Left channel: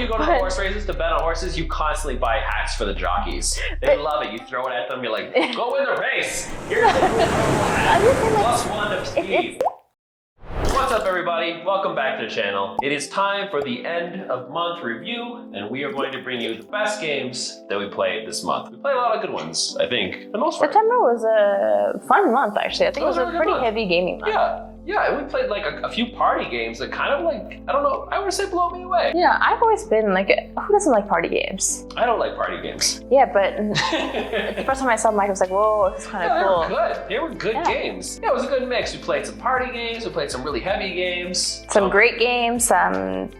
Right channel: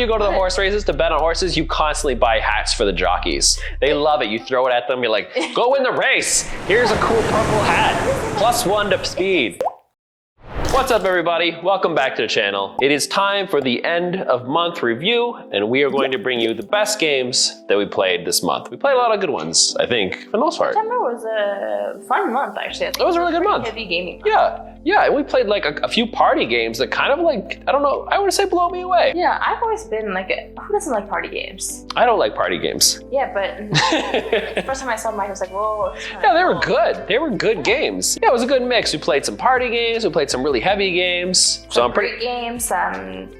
you go to the horse races to bet on horses, you constantly buy hats for the jockeys. They love it. You throw it at them, you're like, go win the race. Here's a cool purple hat, +1 to speed. What's up, everybody? Welcome back to the channel. It is time for the end of month review, and we are going to bring you the best games that we played this month. We played a lot of good ones, I think, for the most part. September was a fun month, actually. I think it was a really good month. Heavy gaming month. Yeah, and we played like a few party games that kind of like, I don't know, I would say blow me away. Yeah, I've always been like, who doesn't like party games? I don't like party games. Yeah, but the first time I saw Mike, I was like, whoa, it's kind of they cool. were good. They were good games. Yeah, it was a good mix. We played some party games, we played some really heavy games. Some great games, some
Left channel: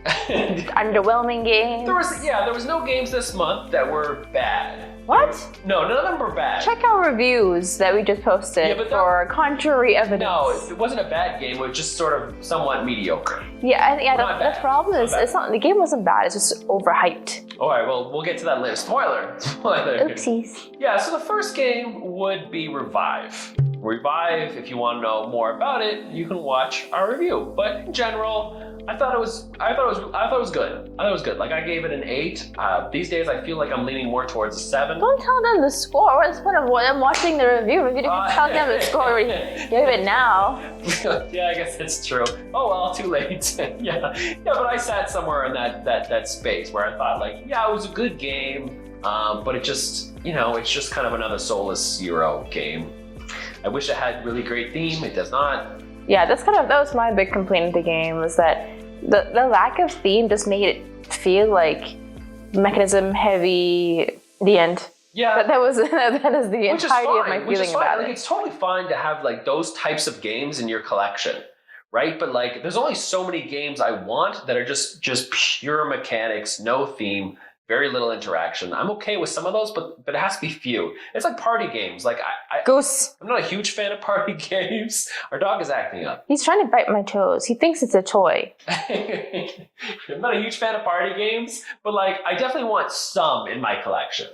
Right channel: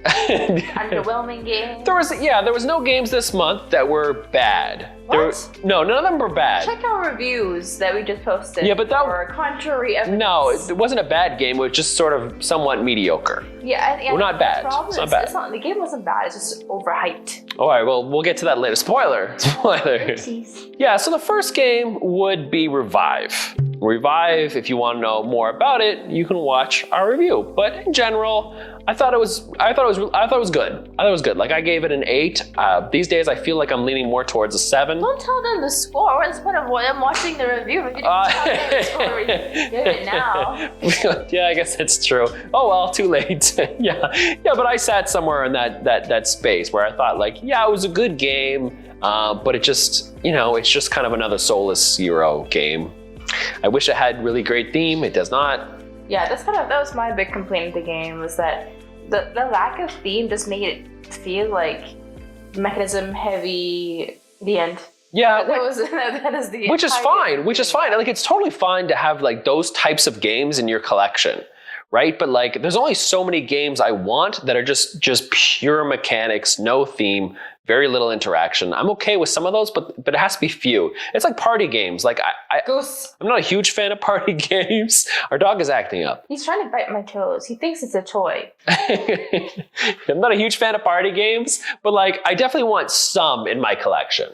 underwhelming games. There was no games this month that were bad. What? No, none of them were bad. Check our reviews that we just posted for contrary evidence. No, it wasn't a bad game. It was just sort of somewhat mediocre. Yeah, well, not bad. The problem is, the game wasn't bad. It's just overhyped. All right, well, we'll get to that later. Spoiler. Oopsies. Yeah, so the first game would be Revive. Revive, if you want to know more about it, you can watch our review. But in general, I thought it was good. I thought it was good. Like, I gave it an 8. These days, I feel like I'm leaning more towards a 7. Don't tell them the score. What's the point of them watching the review? We're gonna tell them the score. We're doing it now. Yeah, I guess it's true. Oh well, too late. yeah, but I sat somewhere in that space where I thought, like, yeah, it was a good game, but it just, it's just kind of another Soulless Euro game. I wish it had really great theme. It does not. Yeah, that was my big complaint of the game, was that the lack of theme just made it feel like mechanism heavy. The end. Yeah, but that is the which is fine. Like, it's totally fine to have like those types of games in your collection, right? But like, there's only so many games I want that are just pure mechanics, no theme, very little interaction. I'm okay with some of those, but it has to be few. It's like party games. Like Goose. I'm not a huge fan of party games. Our dog is acting up. He's trying to bite my toes. He thinks it's a toy. I'm not a huge fan of party games, but like, I definitely want some in my collection.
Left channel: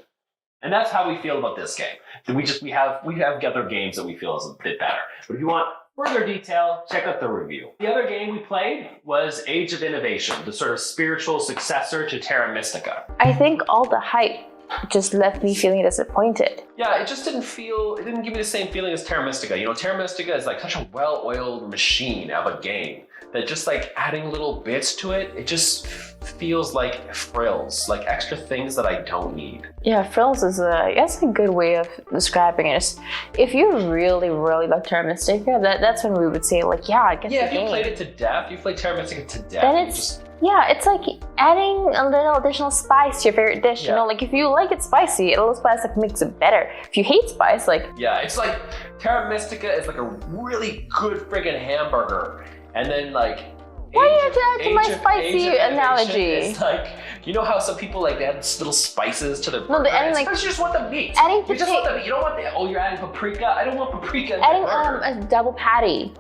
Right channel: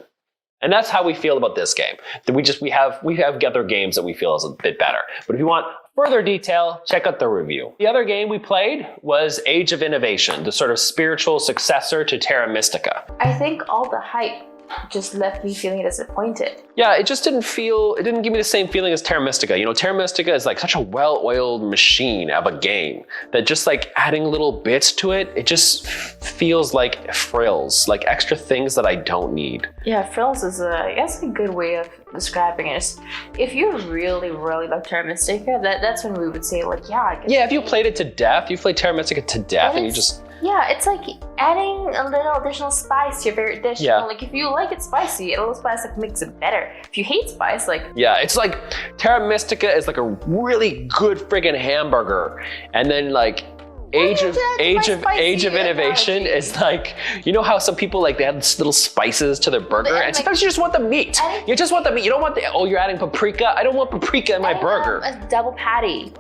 And that's how we feel about this game. We have other games that we feel is a bit better. But if you want further detail, check out the review. The other game we played was Age of Innovation, the sort of spiritual successor to Terra Mystica. I think all the hype just left me feeling disappointed. Yeah, it didn't give me the same feeling as Terra Mystica. Terra Mystica is like such a well-oiled machine of a game that just like adding little bits to it, it just feels like frills, like extra things that I don't need. Yeah, frills is I guess a good way of describing it. If you really, really love Terra Mystica, that's when we would say like, yeah, I guess. Yeah, if you played it to death, you played Terra Mystica to death, and you just. Yeah, it's like adding a little additional spice to your favorite dish. Like if you like it spicy, a little spice like makes it better. If you hate spice, like. Yeah, it's like Terra Mystica is like a really good friggin' hamburger, and then like Age of Innovation is like, how some people like they add little spices to their burger, and sometimes you just want the meat. You just want the meat. You don't want you're adding paprika. I don't want paprika in my burger. A double patty.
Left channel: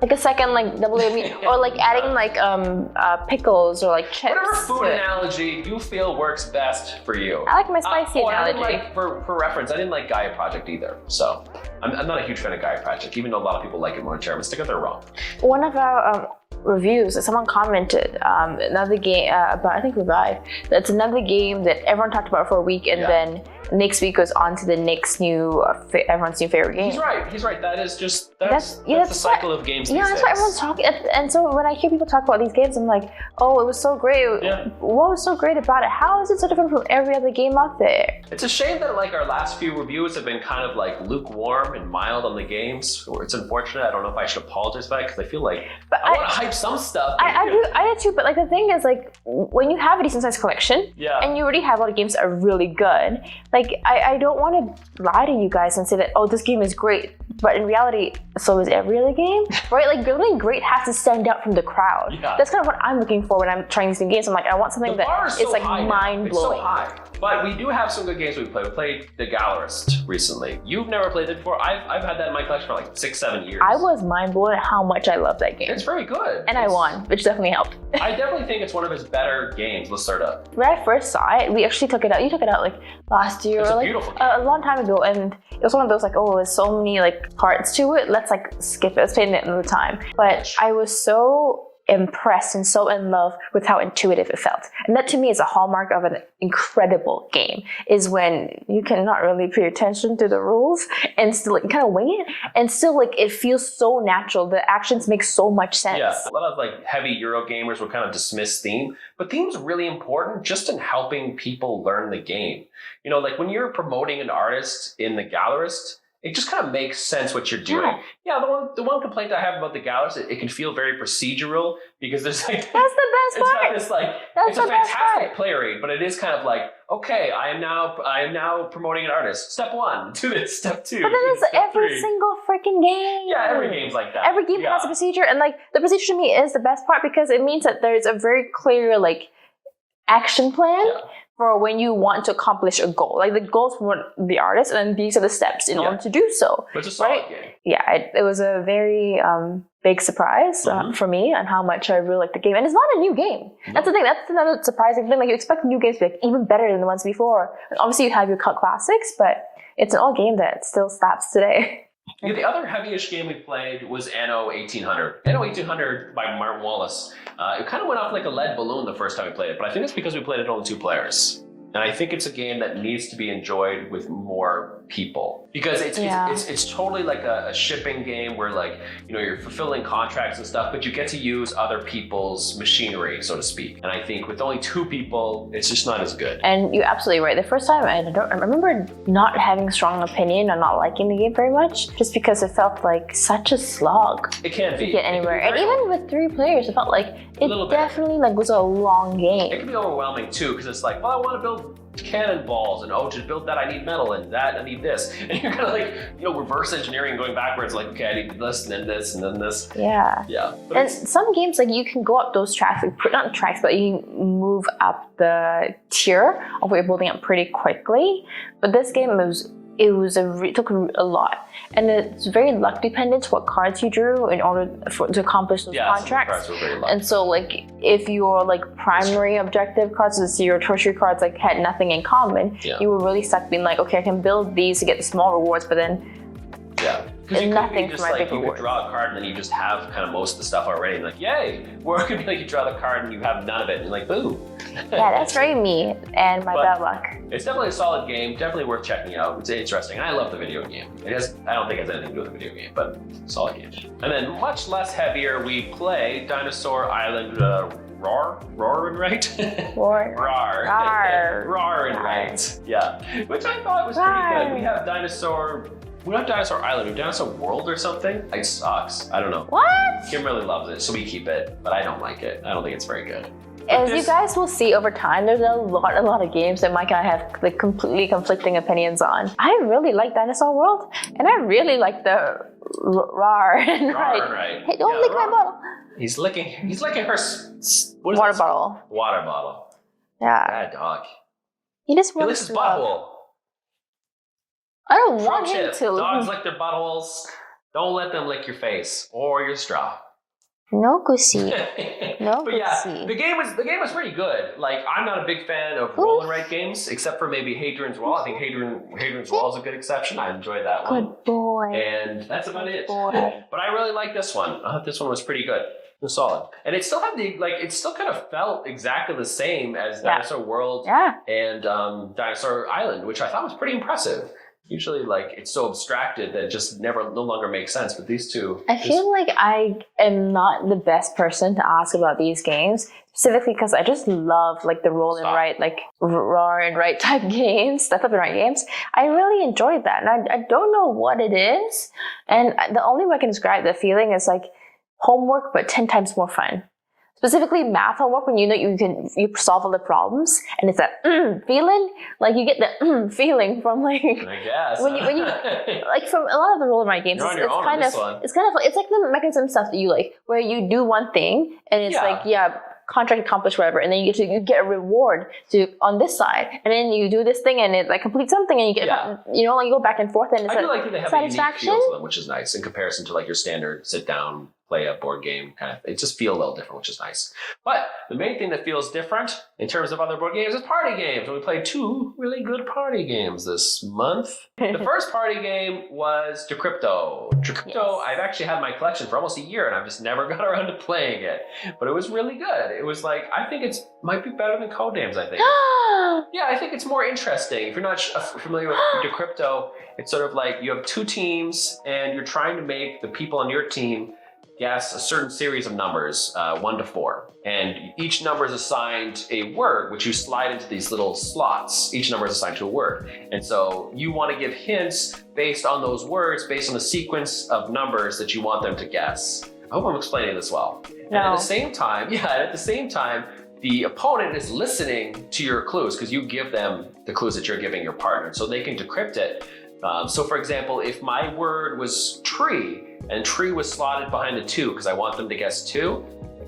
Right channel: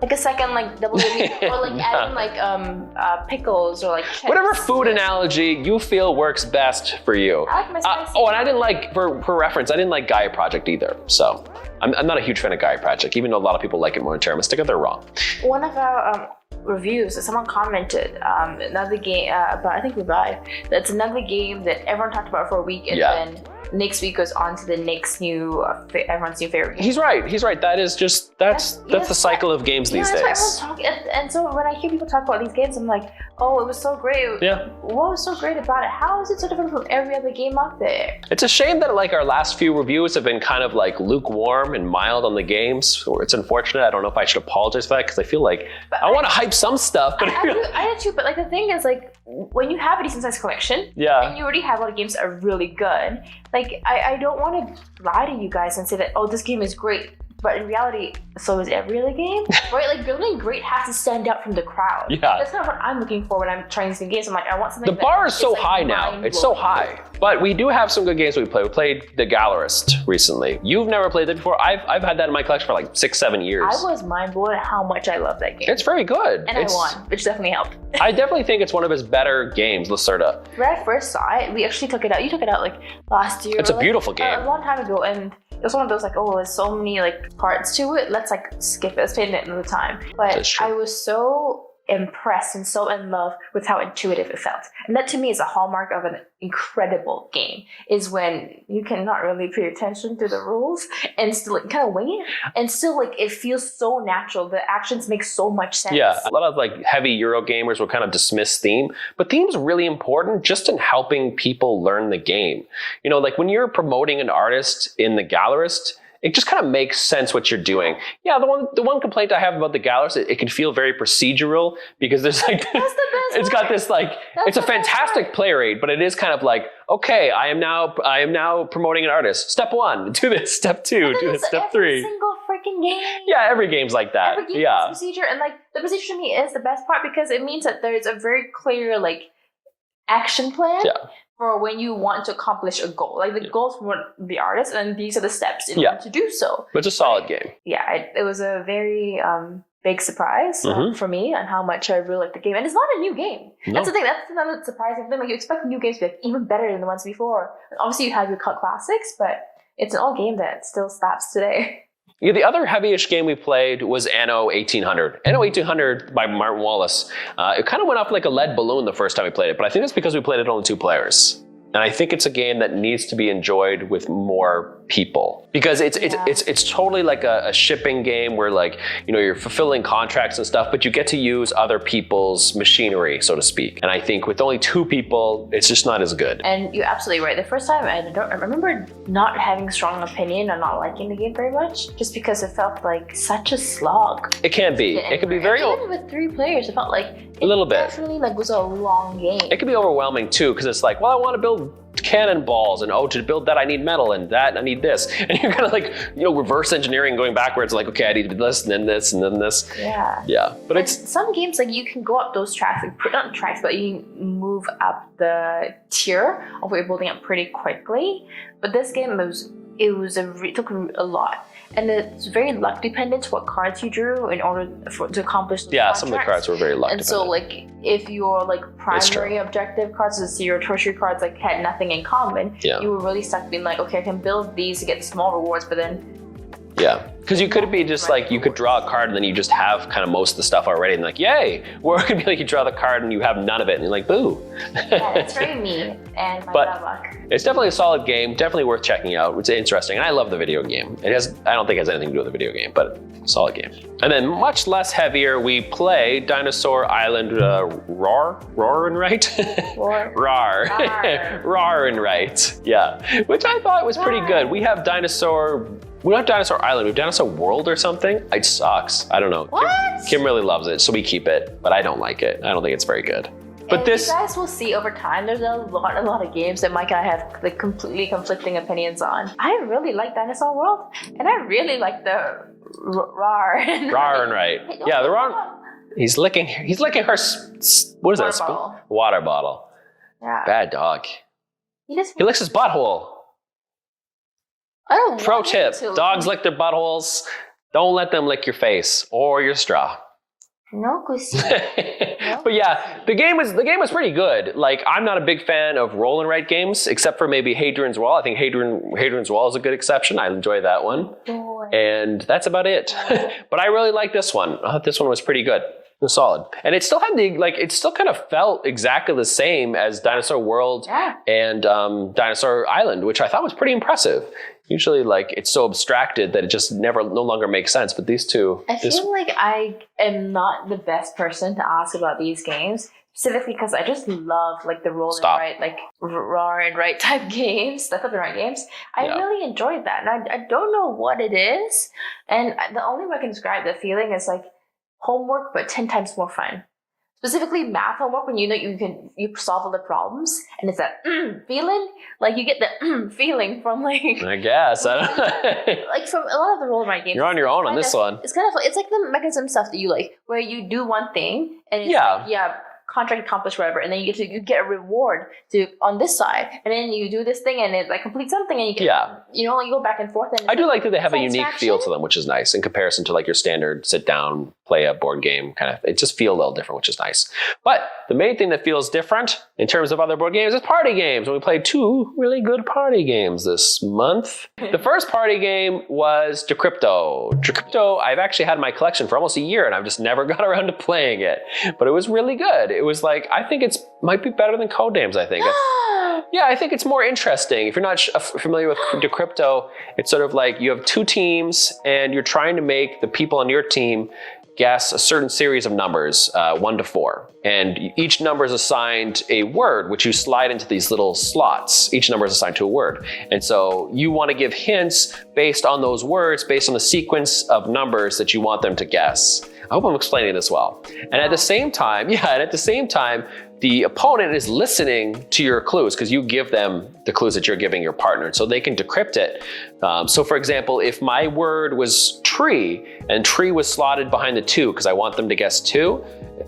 Like a second, like double meat, or like adding like pickles or like chips. Whatever food analogy you feel works best for you. I like my spicy. And I didn't like, for reference, I didn't like Gaia Project either. So I'm not a huge fan of Gaia Project, even though a lot of people like it more than Terra Mystica. They're wrong. One of our reviews, someone commented another game about, I think Revive. That's another game that everyone talked about for a week, and then next week goes on to the next everyone's new favorite game. He's right. That's the cycle of games these days. That's what everyone's talking. And so when I hear people talk about these games, I'm like, oh, it was so great. Yeah. What was so great about it? How is it so different from every other game out there? It's a shame that like our last few reviews have been kind of like lukewarm and mild on the games. It's unfortunate. I don't know if I should apologize for that, because I feel like I want to hype some stuff. But I do too, but like the thing is, like, when you have a decent sized collection, and you already have a lot of games that are really good, like I don't want to lie to you guys and say that, oh, this game is great, but in reality, so is every other game, right? Like, building great has to stand out from the crowd. Yeah. That's kind of what I'm looking for when I'm trying these new games. I'm like, I want something the bar is so high now. It's so high. But we do have some good games we play. We played The Gallerist recently. You've never played it before. I've had that in my collection for like 6-7 years. I was mind blown at how much I love that game. It's very good. And I won, which definitely helped. I definitely think it's one of his better games, Lacerda. When I first saw it, we actually took it out. You took it out like last year. It's a beautiful game. A long time ago, and it was one of those like, oh, there's so many like parts to it. Let's like skip it. Let's play it another time. But I was so impressed and so in love with how intuitive it felt. And that to me is a hallmark of an incredible game, is when you cannot really pay attention to the rules and still like, kind of wing it, and still like it feels so natural. The actions make so much sense. Yeah, a lot of like heavy Euro gamers will kind of dismiss theme, but theme's really important just in helping people learn the game. You know, like when you're promoting an artist in the Gallerist, it just kind of makes sense what you're doing. Yeah, the one complaint I have about the Gallerist, it can feel very procedural because there's like that's the best it's part. got this like That's it's a the best fantastic part. play rate, but it is kind of like, okay, I am now promoting an artist. Step 1, do this. Step 2, do this. Step 3. Every single freaking game. Yeah, every game's like that. Every game has a procedure, and like the procedure to me is the best part because it means that there's a very clear like action plan. Yeah. For when you want to accomplish a goal. Like the goals for the artist, and then these are the steps in order to do so. But it's a solid game. Yeah, it was a very big surprise for me on how much I really liked the game. And it's not a new game. No. That's the thing. That's another surprising thing. Like you expect new games to be even better than the ones before. And obviously you have your cult classics, but it's an old game that still slaps today. Yeah, the other heavyish game we played was Anno 1800. Anno 1800 by Martin Wallace. It kind of went up like a lead balloon the first time we played it, but I think it's because we played it only 2 players. And I think it's a game that needs to be enjoyed with more people, because it's totally like a shipping game where like, you know, you're fulfilling contracts and stuff, but you get to use other people's machinery, so to speak. And I think with only 2 people, it's just not as good. And you're absolutely right. The first time I remember not having a strong opinion or not liking the game very much, just because it felt like such a slog. It can be. It can be very. And even with 3 players, it felt like a little bit. Definitely like was a long game. It can be overwhelming too, because it's like, well, I want to build cannonballs, and to build that I need metal, and that I need this, and you're kind of like, you know, reverse engineering, going backwards, like, okay, I need this, and then this, and then this. Yeah. But it's some games like you can go up those tracks, like not tracks, but you can move up the tier of what you're building up pretty quickly. But this game it took a lot, and it's very luck dependent what cards you drew in order to accomplish those contracts. Some of the cards were very luck and dependent. So like if your like primary objective cards, so your tertiary cards like had nothing in common, you were really stuck being like, okay, I can build these to get the small rewards, but then because you could be just like, you could draw a card and then you just have kind of most of the stuff already and like, yay. Or it could be like you draw the card and you have none of it and you're like, boo. Yeah, that's very me and my bad luck. It's definitely a solid game, definitely worth checking out. It's interesting, and I love the video game. I don't think it has anything to do with the video game, but solid game. And then much less heavier, we play Dinosaur Island Rar and Right? Rar and Right. Yeah, which I thought was pretty good. We have Dinosaur Island, we have Dinosaur World or something. It sucks. I don't know. What? Kim really loves it, so we keep it, but I don't like it. I don't think it's very good. But you guys will see over time, there's a lot of games that Mike and I have like completely conflicting opinions on. I really like Dinosaur World, and I really like the Rar and Right. Hey, the Rar. He's licking her. What is that? Bottle. Water bottle. Yeah. Bad dog. He licks his butthole. I don't Pro want tip: him to. dogs lick their buttholes. Don't let them lick your face or your straw. No, Gussy. But yeah, the game was pretty good. Like, I'm not a big fan of roll and write games, except for maybe Hadrian's Wall. I think Hadrian's Wall is a good exception. I enjoy that one. Good boy. And that's about it. But I really like this one. I thought this one was pretty good. It was solid. And it still had it still kind of felt exactly the same as Dinosaur World and Dinosaur Island, which I thought was pretty impressive. Usually, like, it's so abstracted that it just no longer makes sense. But these two, I feel like I am not the best person to ask about these games, specifically because I just love like the roll and write, like roar and write type games, stuff up and write games. I really enjoyed that, and I don't know what it is. And the only way I can describe the feeling is like homework, but 10 times more fun. Specifically math homework, when you know you solve all the problems, and it's that feeling, like you get the feeling from like, I guess like from a lot of the roll and write games. You're on your own on this one. It's kind of like, it's like the mechanism stuff that you like, where you do one thing and it's contract accomplished, whatever, and then you get a reward on this side, and then you do this thing and it like completes something, and you get like you go back and forth. And I do like that they have a unique feel to them, which is nice in comparison to like your standard sit down play a board game. Kind of, it just feels a little different, which is nice. But the main thing that feels different in terms of other board games is party games. We played 2 really good party games this month. The first party game was Decrypto. Decrypto, I've actually had in my collection for almost a year, and I've just never got around to playing it. But it was really good. It was like, I think it's might be better than Codenames, I think. Yeah, I think it's more interesting. If you're not familiar with Decrypto, it's sort of like you have 2 teams, and you're trying to make the people on your team guess a certain series of numbers, 1 to 4. And each number is assigned a word, which you slide into these little slots. Each number is assigned to a word. And so you want to give hints based on those words, based on the sequence of numbers that you want them to guess. I hope I'm explaining this well. And at the same time, the opponent is listening to your clues because you give them the clues that you're giving your partner, so they can decrypt it. So for example, if my word was tree and tree was slotted behind the 2 because I want them to guess 2,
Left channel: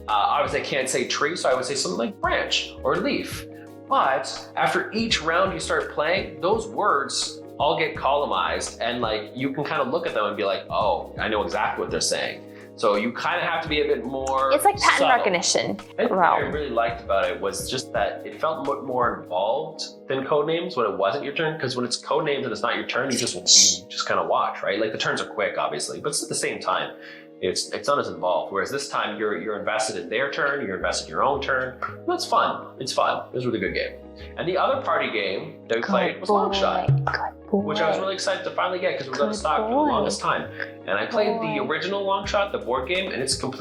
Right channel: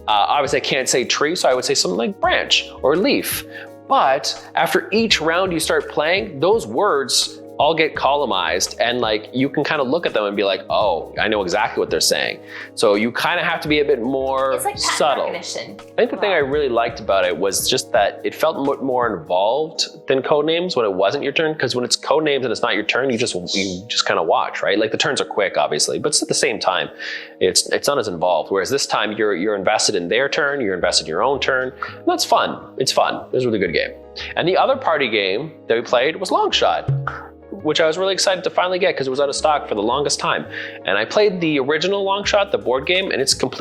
obviously I can't say tree, so I would say something like branch or leaf. But after each round you start playing, those words all get columnized, and like you can kind of look at them and be like, oh, I know exactly what they're saying. So you kind of have to be a bit more It's like pattern subtle. Recognition. I think the thing I really liked about it was just that it felt more involved than Codenames when it wasn't your turn, because when it's Codenames and it's not your turn, you just kind of watch, right? Like the turns are quick, obviously, but at the same time, it's not as involved. Whereas this time you're invested in their turn, you're invested in your own turn. And that's fun. It's fun. It was a really good game. And the other party game that we played was Longshot, which I was really excited to finally get because it was out of stock for the longest time. And I played the original Longshot, the board game, and it's poop.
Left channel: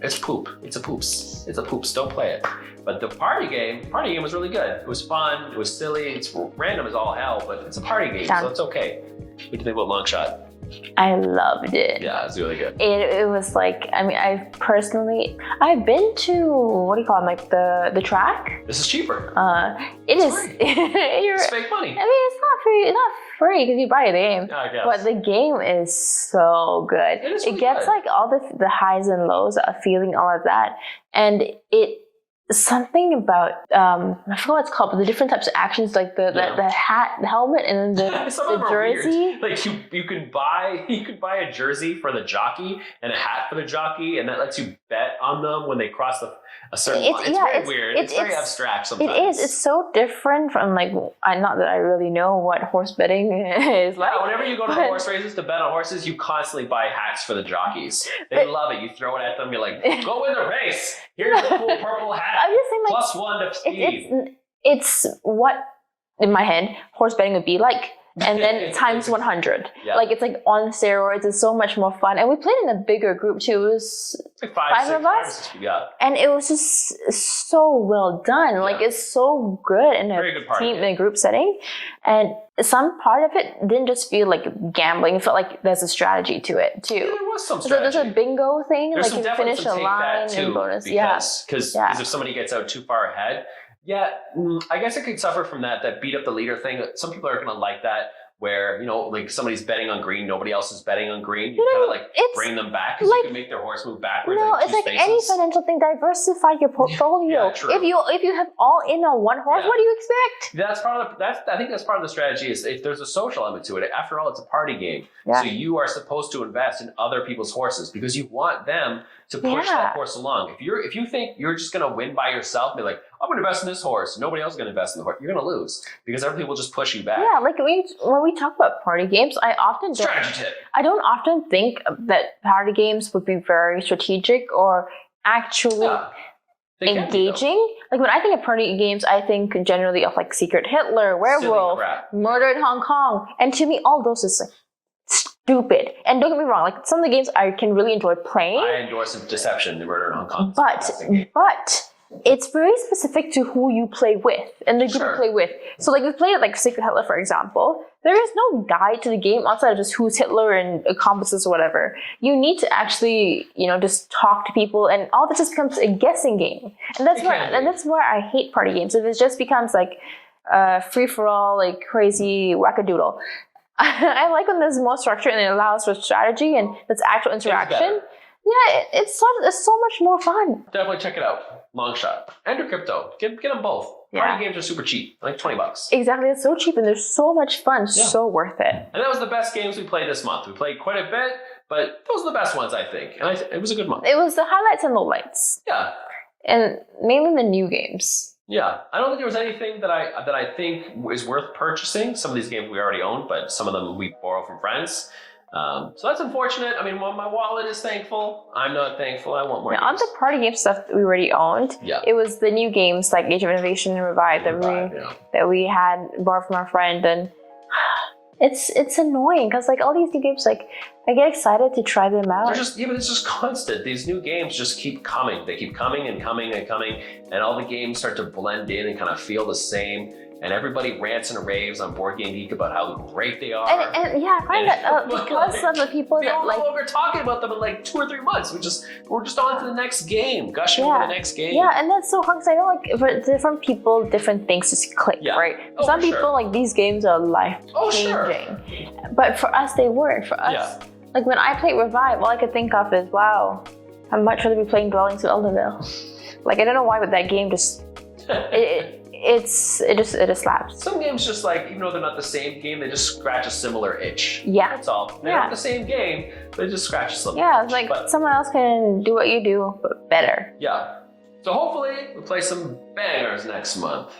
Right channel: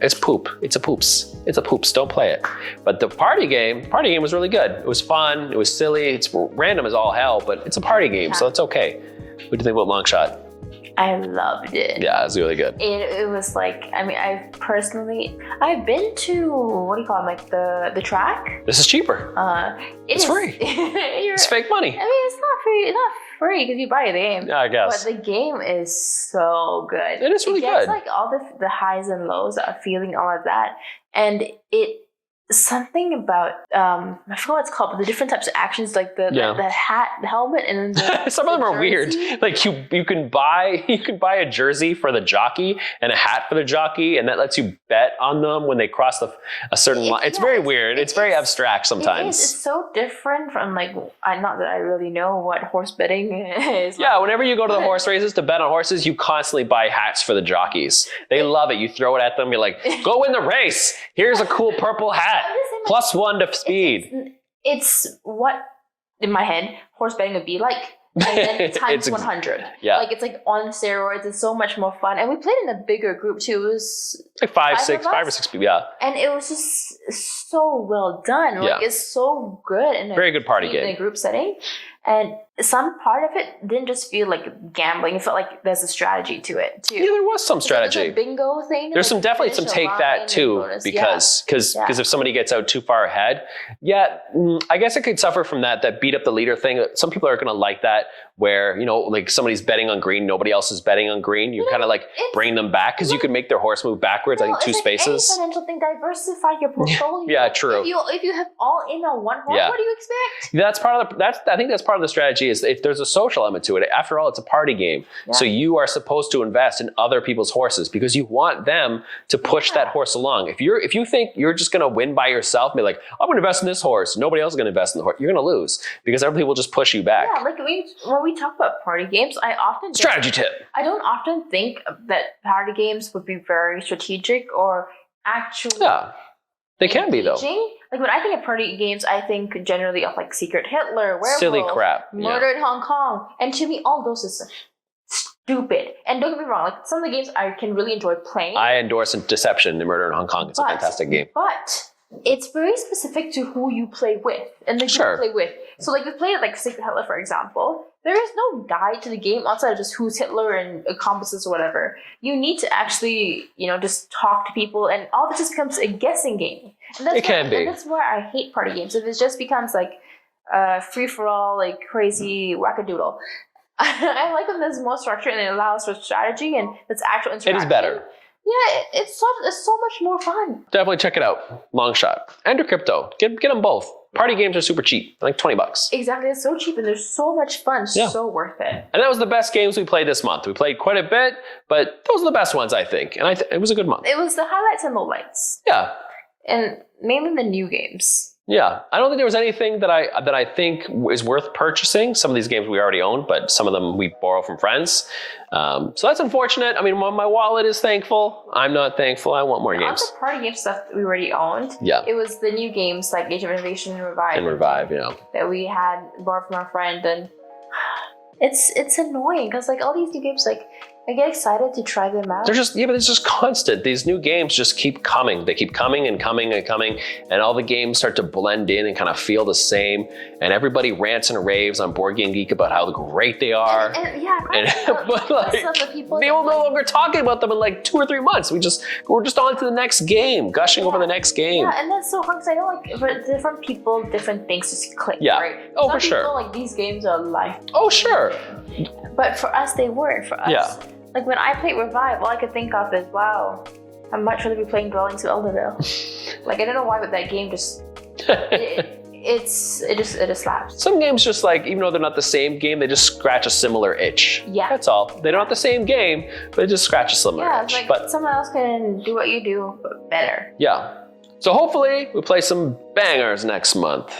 It's a poops. It's a poops, don't play it. But the party game was really good. It was fun, it was silly, it's random as all hell, but it's a party game, so it's okay. What do you think about Longshot? I loved it. Yeah, it was really good. It was like, I mean, I've been to, what do you call it, like the track? This is cheaper. It's free. It's fake money. I mean, it's not free. It's not free because you buy the game. Yeah, I guess. But the game is so good. It is really good. It gets like all the highs and lows of feeling all of that, and something about I forgot what it's called, but the different types of actions, like the hat, the helmet, and then some of them are jersey. weird. Like you can buy a jersey for the jockey and a hat for the jockey, and that lets you bet on them when they cross a certain line. It's very weird. It's very abstract sometimes. It is. It's so different from like not that I really know what horse betting is. Yeah, whenever you go to the horse races to bet on horses, you constantly buy hats for the jockeys. They love it. You throw it at them. You're like, go win the race. Here's a cool purple hat. Plus 1 to speed. It's what, in my head, horse betting would be like. And then times 100. Yeah. Like it's like on steroids. It's so much more fun. And we played in a bigger group too. It was like 5 or 6 people, yeah. And it was just so well done. Yeah. Like it's so good in a very good party game. In a group setting. And some part of it didn't just feel like gambling. It felt like there's a strategy to it too. Yeah, there was some strategy. There's a bingo thing. There's like definitely some take that too, because if somebody gets out too far ahead, I guess it could suffer from that beat up the leader thing. Some people are gonna like that, where like somebody's betting on green, nobody else is betting on green. You kind of like bring them back because you can make their horse move backwards, I think 2 spaces. Any financial thing, diversify your portfolio. Yeah, true. If you have all in on one horse, what do you expect? I think that's part of the strategy. Is if there's a social element to it. After all, it's a party game, so you are supposed to invest in other people's horses because you want them to push that horse along. If you think you're just gonna win by yourself, be like, I'm gonna invest in this horse, nobody else is gonna invest in the horse, you're gonna lose because other people will just push you back. Yeah, like when we talk about party games, I don't often think that party games would be very strategic or actually they engaging. can be though. Like when I think of party games, I think generally of like Secret Hitler, Werewolf, silly crap, Murder in Hong Kong, and to me, all those is like stupid. And don't get me wrong, like some of the games I can really enjoy playing. I endorse Deception, the Murder in Hong Kong. It's a fantastic game. But it's very specific to who you play with and the people you play with. So like we play like Secret Hitler, for example. There is no guide to the game outside of just who's Hitler and accomplices or whatever. You need to actually, just talk to people, and all this just becomes a guessing game. And that's why I hate party games. If it just becomes like free for all, like crazy wackadoodle. I like when there's more structure and it allows for strategy and that's actual interaction. It is better. Yeah, it's so much more fun. Definitely check it out. Longshot and your crypto. Get them both. Party games are super cheap, like $20. Exactly, it's so cheap and they're so much fun, so worth it. And that was the best games we played this month. We played quite a bit, but those are the best ones, I think. And it was a good month. It was the highlights and lowlights. Yeah. And mainly the new games. Yeah, I don't think there was anything that I think is worth purchasing. Some of these games we already own, but some of them we borrow from friends. So that's unfortunate. I mean, my wallet is thankful. I'm not thankful. I want more games. On the party game stuff that we already owned, it was the new games like Age of Innovation and Revive, that we had borrowed from our friend, and it's annoying because like all these new games, like I get excited to try them out. They're just but it's just constant. These new games just keep coming. They keep coming and coming and coming, and all the games start to blend in and kind of feel the same. And everybody rants and raves on Board Game Geek about how great they are. And the people they were no longer talking about them in like 2 or 3 months. We're just on to the next game, gushing over the next game. Yeah, and that's so hard because I know like for different people, different things just click. Yeah. Right? Oh, Some for people sure. like these games are life. Oh, sure. But for us, they weren't. For us. Yeah. Like when I played Revive, all I could think of is, wow, I'd much rather be playing Dwellings of Elderville. Like I don't know why, but that game just it just slaps. Some games just like, even though they're not the same game, they just scratch a similar itch. Yeah. That's all. They're not the same game, but it just scratches a similar itch. Yeah, like someone else can do what you do, but better. Yeah. So hopefully we play some bangers next month.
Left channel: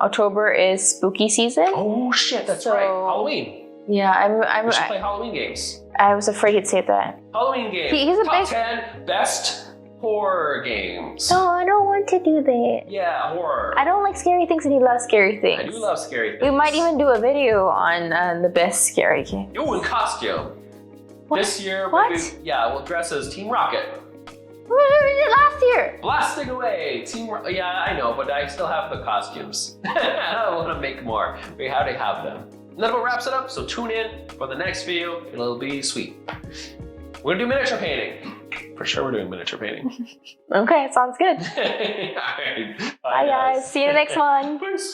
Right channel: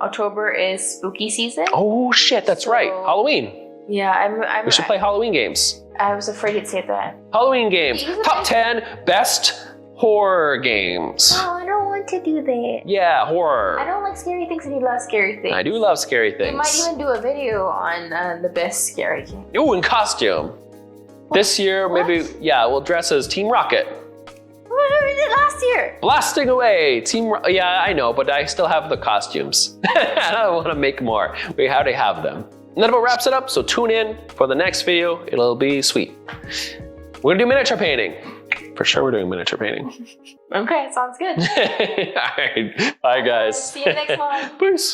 October is spooky season. Oh shit, that's right. Halloween. Yeah, We should play Halloween games. I was afraid he'd say that. Halloween games. Top 10 best horror games. Oh, I don't want to do that. Yeah, horror. I don't like scary things and he loves scary things. I do love scary things. We might even do a video on the best scary game. Ooh, in costume. This year, maybe, we'll dress as Team Rocket. What we did last year? Blasting away, yeah, I know, but I still have the costumes. I want to make more. We already have them. And that about wraps it up, so tune in for the next video. It'll be sweet. We're gonna do miniature painting. For sure we're doing miniature painting. Okay, sounds good. All right, bye guys. See you next one. Peace.